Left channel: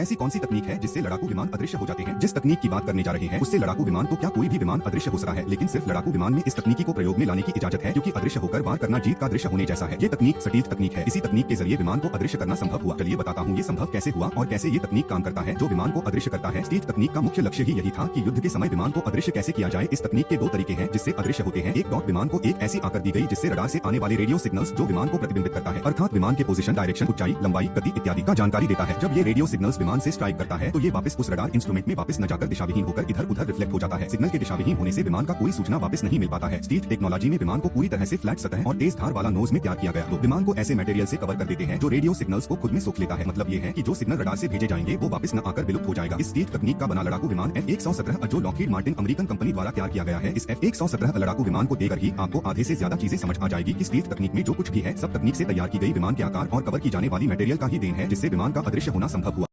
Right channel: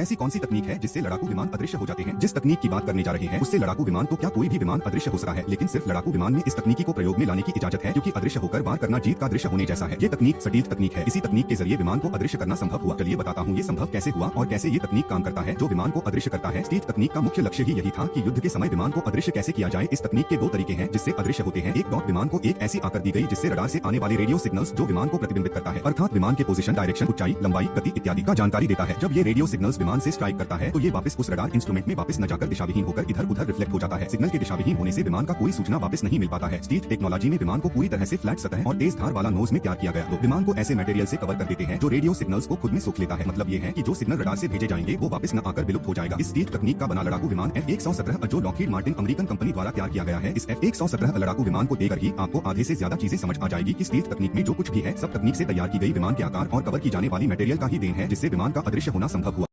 ऐसी कौन सी तकनीक है जिससे लड़ाकू विमान अदृश्य हो जाते हैं? जिस तकनीक की बात करने जा रहे हैं उससे लड़ाकू विमान तो क्या कोई भी विमान अदृश्य हो सकता है, लेकिन सिर्फ लड़ाकू विमान में इस तकनीकी को प्रयोग में लाने की इजाजत है, क्योंकि अदृश्य होकर वार करना जीत का दृश्य होने जैसा है। ये तकनीक सटीक तकनीक है। इसी तकनीक के जरिए विमान को अदृश्य करना संभव हुआ। चलिए बताता हूँ ये संभव कैसे हुआ और कैसे ये तकनीक काम करता है जो विमान को अदृश्य करता है। स्टील्थ तकनीक का मुख्य लक्ष्य ही यही था कि युद्ध के समय विमान को अदृश्य कैसे किया जाए। इस तकनीक के दो तरीके हैं जिससे अदृश्य होते हैं। एक, विमान को एक ऐसी आकर दी गई जिससे रडार से आने वाली रेडियो सिग्नल्स जो विमान को प्रतिबिंबित करता है, अर्थात विमान के पोजीशन, डायरेक्शन, ऊंचाई, लंबाई, गति इत्यादि का जानकारी देता है। जब ये रेडियो सिग्नल्स विमान से स्ट्राइक करता है तो ये वापस उस रडार इंस्ट्रूमेंट में वापस न जाकर दिशाविहीन होकर इधर उधर रिफ्लेक्ट हो जाता है। सिग्नल के दिशाविहीन होने से विमान का कोई सूचना वापस नहीं मिल पाता है। स्टील्थ टेक्नोलॉजी में विमान को पूरी तरह से फ्लैट सतह और तेज धार वाला नोज में तैयार किया गया। तो विमान को ऐसे मटेरियल से कवर कर देते हैं जो रेडियो सिग्नल्स को खुद में सोख लेता है। मतलब ये है कि जो सिग्नल रडार से भेजे जाएंगे वो वापस न आकर विलुप्त हो जाएगा। इस स्टील्थ तकनीक का बना लड़ाकू विमान F-117 जो लॉकहीड मार्टिन अमेरिकन कंपनी द्वारा तैयार किया गया है। इस F-117 लड़ाकू विमान को देखकर ही आपको आधे से ज्यादा चीजें समझ आ जाएगी कि स्टील्थ तकनीक में जो कुछ भी है सब तकनीक से तैयार की गई विमान के आकार और कवर की जाने वाली मटेरियल का ही देन है जिससे विमान का अदृश्य होना संभव हुआ।